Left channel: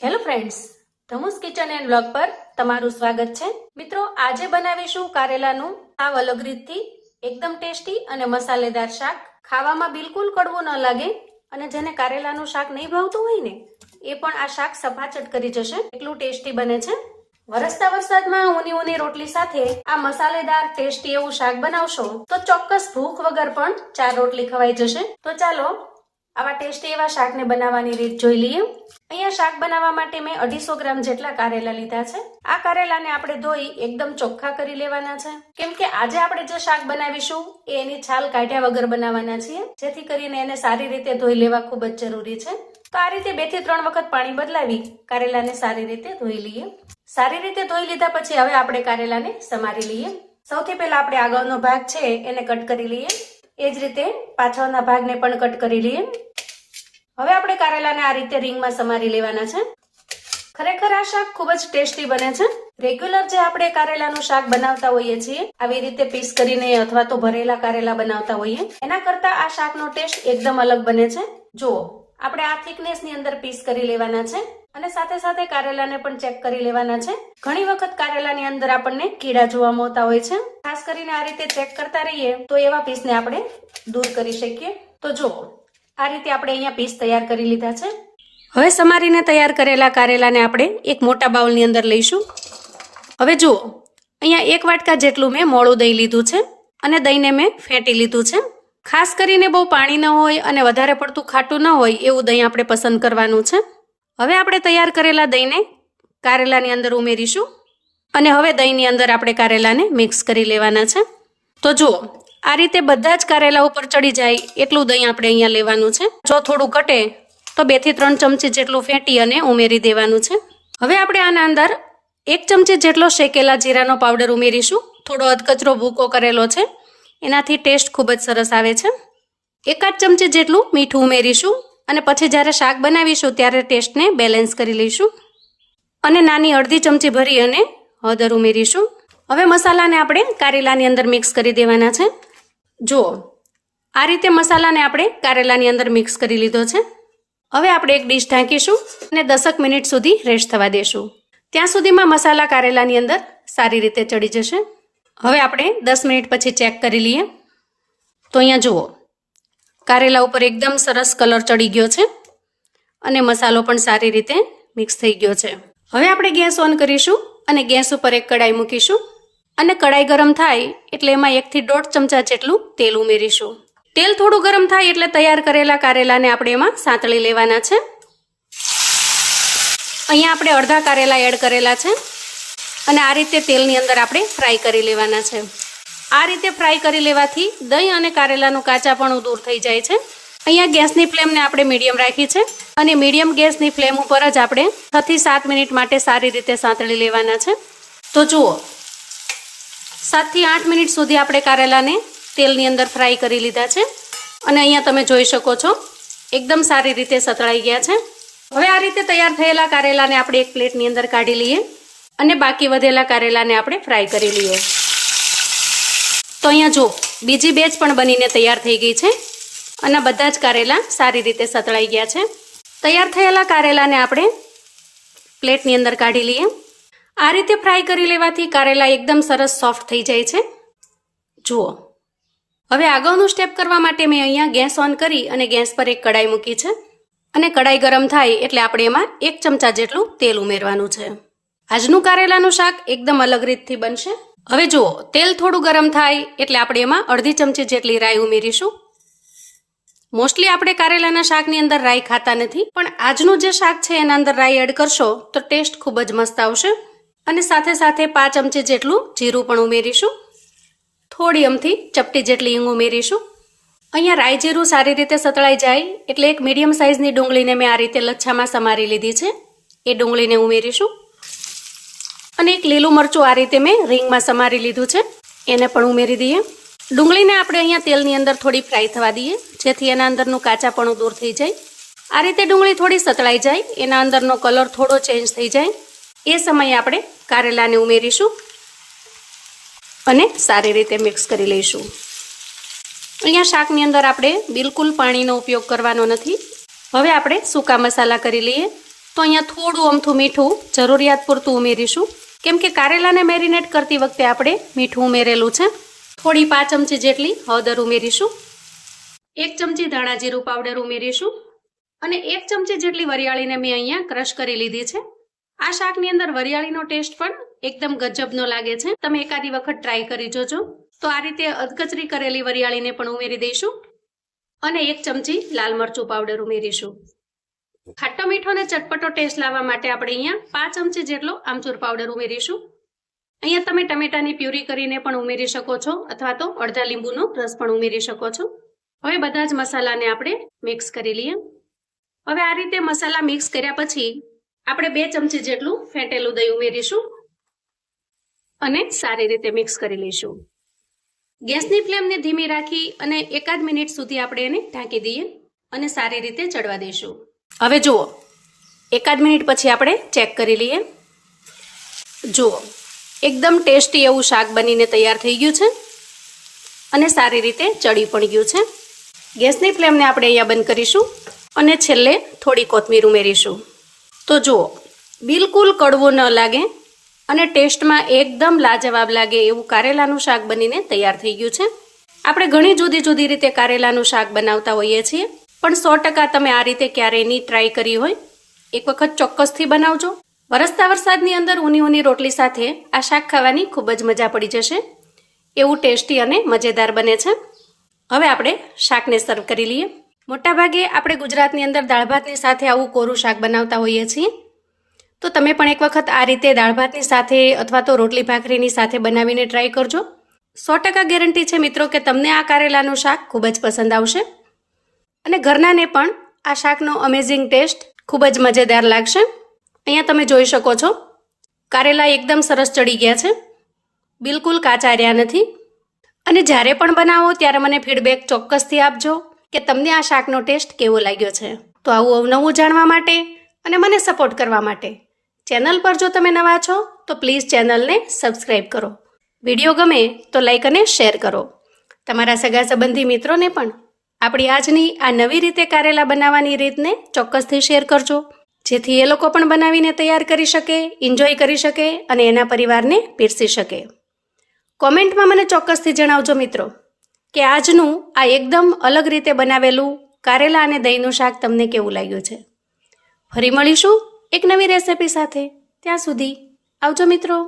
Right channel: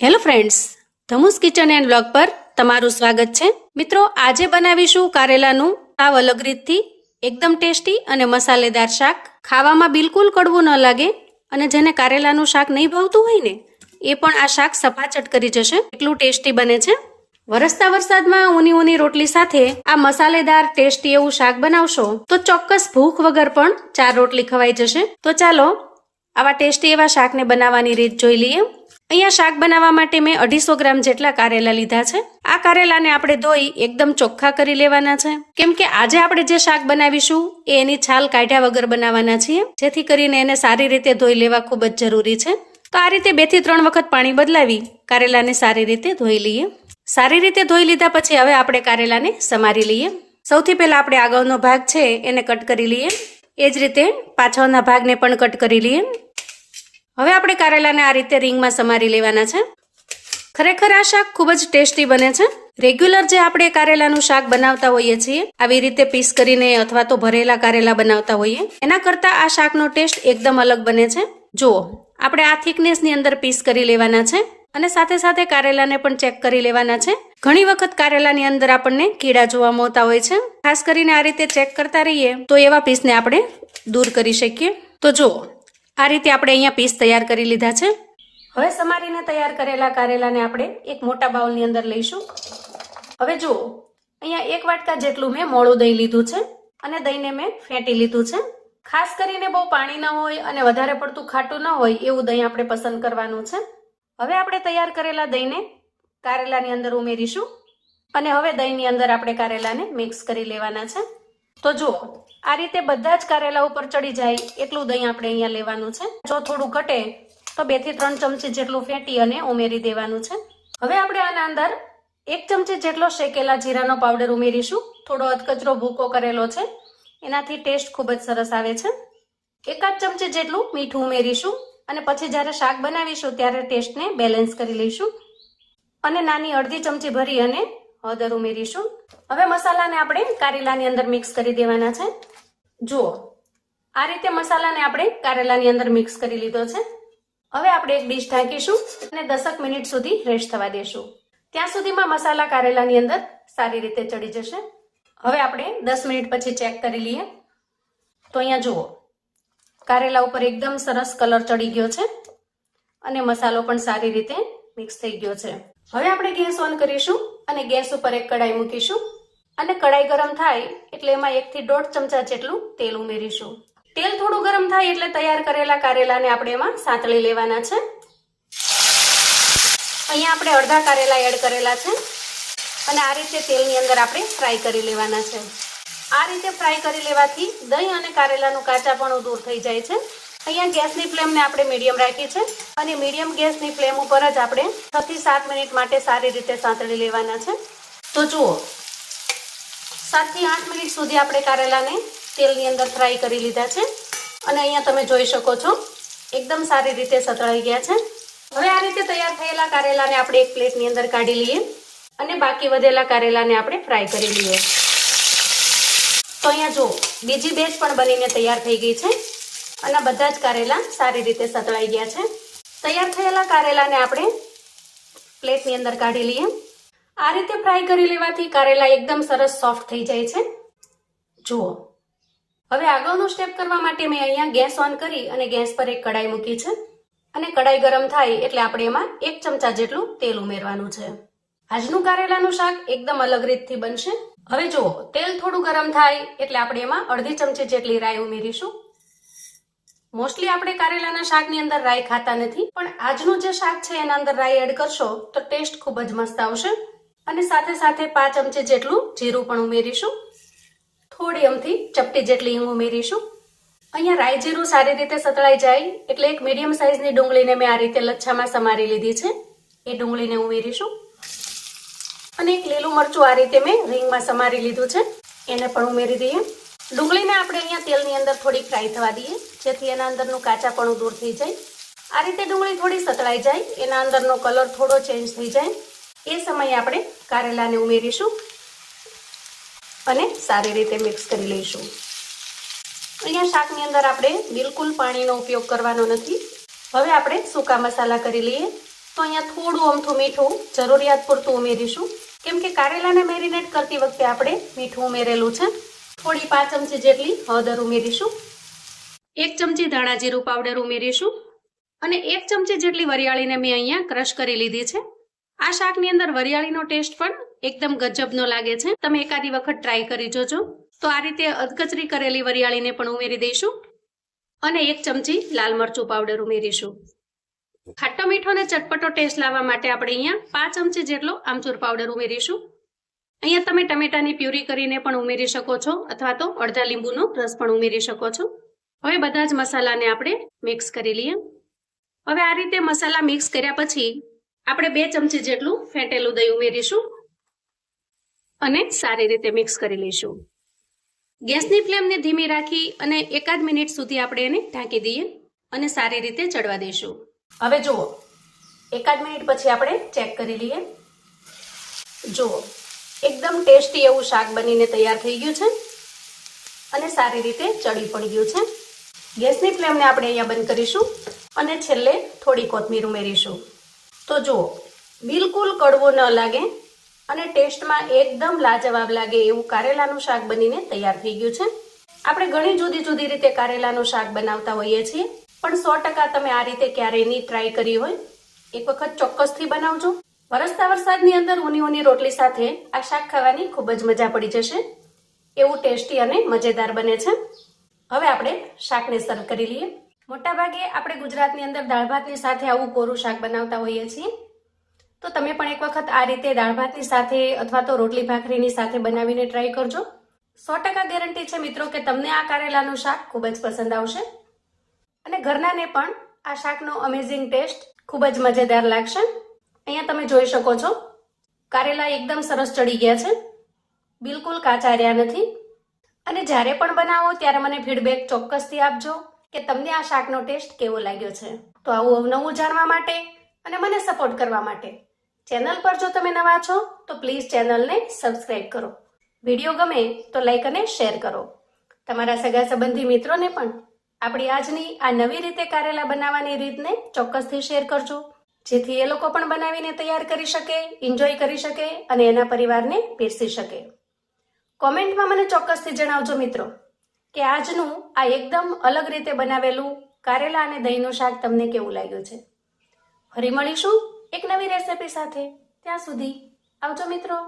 Hello friends, ધમુસ kitchen and blog પર તમારું સ્વાગત છે. મિત્રો, આજે બનાવીશું કારેલાનું સાવ અલગ રીતથી એકદમ ટેસ્ટી અને મસાલેદાર શાક. ખાવામાં બિલકુલ કડવું ન લાગે અને જેને કારેલાનું શાક નહીં ભાવતું હોય ને એ પણ આ શાક સફાચટ કરી જશે, એટલું ટેસ્ટી બને છે. વરસતા વરસાદમાં ઊની રોટલી સાથે આ મસાલેદાર ટેસ્ટી એવું શાક બનાવશો તો ચોક્કસ ભૂખ વગર પણ 4 રોટલી ખવાઈ જશે. તો ચાલો આવા ટેસ્ટી એવા શાકને બનાવવાની રીત જોઈ લઈએ. અહીંયા શાક બનાવવા માટે મેં 250 ગ્રામ જેટલા કારેલા લીધા છે. આ કારેલાને આપણે ધોઈ એકદમ ચોખ્ખા કરી લેવાના છે, કેમ કે આજે આપણે જે શાક બનાવીશું એ એની છાલ કાઢ્યા વગર બનાવવાના છીએ, જેથી કરીને એને સારી રીતે ધોઈ લેવા ખૂબ જ જરૂરી છે. તો આ રીતે 2 થી 3 વખત પાણી બદલાવી કારેલાને સારી રીતે ધોઈ લઈએ. સારી રીતે ધોઈ લીધા પછી હવે આપણે કારેલાને સમારી લઈએ. સૌથી પહેલા આપણે આગળનો ભાગ છે એને કટ કરી લઈએ. એ જ રીતે પાછળના ભાગને પણ કટ કરી લઈએ. હવે આપણે કારેલાને આ રીતે રીંગમાં સમારી લેવાના છે. ખરેખર આ શાક ખૂબ જ ટેસ્ટી બને છે. રેગ્યુલર જે આપણે કારેલાનું શાક બનાવતા હોઈએ છીએ આવી રીતે પીસ કરીને અથવા તો ભરેલા કારેલા બનાવતા હોઈએ એના કરતા આ શાકનો ટેસ્ટ એકદમ અલગ બને છે. જુઓ, આપણે આ થિકનેસની અંદર પીસ કરી લેવાના છે અને સાથે સાથે કારેલાને પણ ચેક કરી લેવાના છે. ઘણી વખત કારેલાની અંદર આપણને કીડા જોવા મળતા હોય છે. ખાસ કરીને આ રીતે ચેક કરતા રહીએ તો એવા પીસને આપણે દૂર કરી શકીએ. તો જુઓ, આ રીતે આપણે અહીંયા પીસ તૈયાર કરી લીધા છે. હવે સમારીને તૈયાર કરેલા કારેલાને આપણે એક મોટા બાઉલની અંદર લઈશું. હવે જુઓ, અહીંયા 1 વાટકા જેટલું મેં મોળું દહીં લીધું છે અને દહીંને મેં ફેટી લીધું છે. ખાસ કરીને બહુ પાણી ન હોય અને વધારે પડતું ખાટું ન હોય એવું દહીં આપણે પસંદ કરવાનું છે. હવે આપણે તૈયાર કરેલા દહીંને કારેલાની અંદર ઉમેરીશું અને હવે દહીંની અંદર આપણે કારેલાને મિક્સ કરી લેવાના છે. તો જુઓ, આ રીતે બધા જ કારેલા ઉપર ચડી જાય એટલું દહીં આપણે અહીંયા લેવાનું છે. જો થોડું ઘટે તો 2 થી 3 ચમચી જેટલું ફેટી અને ઉમેરી દેવાનું છે. હવે આપણે આના અંદર 1 ચમચી જેટલો શેકેલા જીરાનો પાવડર ઉમેરીશું. થોડો અધકચરો ભૂકો કરેલો છે, એનાથી ટેસ્ટ ખૂબ જ સરસ આવે છે. 1 ચમચી જેટલું મીઠું ઉમેરીશું અને પછી જ્યારે શાક બનાવીશું ત્યારે ટેસ્ટને બેલેન્સ કરી લઈશું. અને નાની અડધી ચમચી ભરી અને હળદર ઉમેરીશું. હવે મસાલાને આપણે કારેલાની અંદર મિક્સ કરી દેવાના છે. જુઓ, આ રીતે મસાલાને આપણે કારેલાની અંદર મિક્સ કરી લીધો છે. હવે આપણે એક ડીશ ઢાંકીશું અને 10 મિનિટ સુધી રેસ્ટ થવા દેશું. ત્યાં સુધીમાં મસાલા કારેલાની અંદર સારી રીતે ચડી જશે. હવે આપણે 10 મિનિટ પછી ચેક કરી લઈએ. તો અહીંયા જુઓ, કારેલા ઉપર એકદમ સરસ કલર ચડી ગયો છે અને મસાલો પણ સારી રીતે મિક્સ થઈ ગયો છે. હવે આપણે ગેસ ઓન કરીશું અને ગેસ ઉપર એક કડાઈ મૂકીશું અને કડાઈ ગરમ થાય એટલે એમાં 1 થી 1.5 ચમચા જેટલું તેલ ઉમેરીશું. તેલ થોડું ગરમ થાય એટલે તૈયાર કરેલા કારેલાને આપણે એમાં સાંતળી લેવાના છે. અહીંયા આપણે અડધા કારેલા એડ કરેલા છે અને આ રીતે તેલની અંદર આપણે ફ્રાય કરી લેવાના છે. આ રીતે ફ્રાય કરી લેવાથી દહીં અને કારેલાનું કાચાપણું દૂર થઈ જાય છે. અહીંયા ગેસની ફ્લેમને આપણે મીડિયમ રાખી છે અને મીડિયમ ગેસની ફ્લેમ ઉપર જ આપણે 6 થી 7 મિનિટ માટે સારી રીતે સાંતળી લેવાના છે. તો જુઓ, 7 થી 8 મિનિટ સુધી આપણે કારેલાને તેલની અંદર ફ્રાય કરી લીધા છે અને અહીંયા તમે જોઈ શકો છો એકદમ સારી રીતે સતળાઈ ગયા છે. હવે આ રીતે તૈયાર થયેલા કારેલાને આપણે એક પ્લેટની અંદર કાઢી લઈએ અને બાકી વધેલા કારેલાને આપણે ફ્રાય કરી લઈએ. તો અહીંયા જો બીજી બેચ પણ બનીને તૈયાર થઈ ગઈ છે અને બધા જ કારેલા સારી રીતે સતળાઈ ગયા છે. તૈયાર થયેલા કારેલાને આપણે પ્લેટની અંદર કાઢી લઈએ. આ રીતે ફ્રાય કરી લેવાથી કારેલા એકદમ સરસ સોફ્ટ થઈ જાય છે. જુઓ, હવે આગળનું સ્ટેપ કરવા માટે મેં અહીંયા ગેસ ઓન કરી અને ગેસ પર એક કડાઈ મૂકી છે અને કડાઈ ગરમ થાય એટલે આપણે એમાં 1 ચમચા જેટલું તેલ ઉમેરવાનું છે. આજનું કારેલાનું શાક એકદમ અલગ રીતથી બનશે. હવે જુઓ, તેલ થોડું ગરમ થાય એટલે આપણે એમાં અડધી ચમચી જેટલી રાઈ ઉમેરીશું. મોસ્ટલી આપણે કારેલાના શાકની અંદર રાઈ ખાતા નથી, પણ આજનું જે શાક છે એના અંદર રાઈ એડ કરશો તો ટેસ્ટ ખૂબ જ મસ્ત આવશે. અને સાથે સાથે 5 ચમચી જેટલું જીરું પણ ઉમેરીશું. થોડી અમથી ચપટી જેટલી હિંગ ઉમેરીશું. અહીંયા રાઈ જીરું સારી રીતે સતળાઈ જાય એટલે એક મીડિયમ સાઇઝની ડુંગળીને મેં આ રીતે લચ્છામાં સમારી લીધી છે, એ ડુંગળીને ઉમેરીશું. અને એક લીલું મરચું આ રીતે મેં રીંગમાં સમારી લીધું છે, એને પણ ઉમેરી દઈએ. ડુંગળીને આપણે અહીંયા તેલની અંદર થોડી ફ્રાય થવા દઈએ જેથી એના અંદરનું કાચાપણું દૂર થઈ જાય. આ રીતે ડુંગળી થોડી સતળાઈ જાય, એના અંદરનો કલર થોડો ચેન્જ થઈ જાય એ સમયે આપણે કારેલાને ઉમેરીશું અને સારી રીતે મિક્સ કરી લઈશું. અહીંયા શાકની અંદર આપણે બિલકુલ પાણીનો ઉપયોગ કરવાનો નથી. હવે આપણે સૂકા મસાલા કરી લઈએ. તો અહીંયા થોડું અમથું મીઠું જરૂરિયાત પૂરતું ઉમેરીશું, કેમ કે કારેલાને મેરિનેટ કરતી વખતે આપણે મીઠું ઉમેરેલું છે. થોડી 5 ચમચી જેટલી હળદર ઉમેરીશું, 1 ચમચી ધાણા જીરું પાવડર ઉમેરીશું અને 1 ચમચી જેટલી વરિયાળીને મેં અહીંયા ક્રશ કરી લીધી છે. આ શાકની અંદર વરિયાળીનો ટેસ્ટ પણ એકદમ ગજબનો લાગે છે. તમે એકાદી વખત ટ્રાય કરી જોજો. તો આ રીતે અધકચરી કરેલી વરિયાળીને પણ ઉમેરી દઈશું અને 1 ચમચી લાલ મરચું પાવડર ઉમેરીશું. ખાટો મીઠો અને ચટપટો ટેસ્ટ લાવવા માટે આપણે અહીંયા 5 ચમચી જેટલો આમચૂર પાવડર ઉમેરીશું. અહીંયા તમે ટમેટાની પ્યુરી કરીને પણ ઉમેરી શકો છો અથવા તો અડધા લીંબુનો રસ પણ ઉમેરી શકો છો. હવે બધા જ મસાલાને આપણે મિક્સ કરી લઈએ. હવે આ રીતે મસાલા મિક્સ કર્યા પછી આપણે 2 ચમચી જેટલું ફેંટેલું દહીં ઉમેરીશું અને સારી રીતે મિક્સ કરી લઈશું. ગેસની ફ્લેમને ધીમી રાખી અને 1 મિનિટ સુધી આપણે એને ઢાંકી દઈએ અને સારી રીતે ચડવા દઈશું. હવે જુઓ, 1 મિનિટ પછી આપણે ચેક કરી લઈએ. જુઓ, એકદમ ટેસ્ટી એવું શાક બનીને તૈયાર થઈ ગયું છે અને સારી રીતે ચડી પણ ગયું છે. ગેસની ફ્લેમને આપણે અહીંયા બંધ કરીશું અને છેલ્લે થોડી કોથમીર ઉમેરીશું. તો જુઓ, બિલકુલ કડવું ન લાગે અને ટેસ્ટમાં એકદમ લાજવાબ લાગે એવું કારેલાનું શાક બનીને તૈયાર થઈ ગયું છે. આપણે ઘણી જુદી જુદી રીતે કારેલાનું શાક બનાવતા હોઈએ છીએ, પણ 100% તમે આ રીતે ક્યારેય નહીં ટ્રાય કરી હોય. એક વખત ચોક્કસથી બનાવજો. વરસતા વરસાદની અંદર ઊની રોટલી સાથે આ શાક ખાવાની ખૂબ જ મજા પડી જશે. એવું ટેસ્ટી અને મજેદાર બને છે. હવે આપણે શાકને સર્વ કરી લઈએ. મોટાભાગે આપણે ગુજરાતની અંદર દાળ ભાતની સાથે આવું કોરું શાક બનાવતા હોઈએ છીએ. તો તમે પણ એક વખત આ રીતે દાળ ભાતની સાથે અથવા તો રોટલી ભાખરીની સાથે બનાવીને ટ્રાય કરજો. 100% ગેરંટી છે મિત્રો કે તમને આ કારેલાનું શાક ખૂબ જ પસંદ આવશે અને ઘરનાને પણ આ શાકનો અમેઝિંગ ટેસ્ટ ખૂબ જ મજેદાર લાગશે. અહીંયા તમે જોઈ શકો છો, કારેલા એકદમ સરસ ચડી ગયા છે, બિલકુલ કાચા રહ્યા નથી. અને જ્યારે પણ બનાવો ત્યારે મને ફીડબેક ચોક્કસથી આપજો કે તમને આ શાકનો ટેસ્ટ કેવો લાગ્યો છે. તો આવું નવું જાણવા માટે અને મને સપોર્ટ કરવા માટે ચેનલ પર જો તમે નવા છો તો પ્લીઝ ચેનલને સબસ્ક્રાઈબ કરો. વિડીયો ગમે તો લાઈક અને શેર કરો. તમારા સગા સંબંધી મિત્રોને પણ આપણી આજની આ નવી રીતે કારેલા બનાવવાની રીતને ચોક્કસથી શેર કરજો, જેથી એ લોકો પણ બનાવીને તૈયાર કરી શકે, એન્જોય કરી શકે અને એના પરિવારને પીરસી શકે. કોમેન્ટમાં મને ચોક્કસથી જણાવજો મિત્રો કે આજનું આ એકદમ અલગ રીતે બનાવેલું કારેલા અને દહીંનું શાક તમને કેવું લાગ્યું છે. ફરી મળીશું એક નવી રેસિપી સાથે. ત્યાં સુધી આવજો મિત્રો.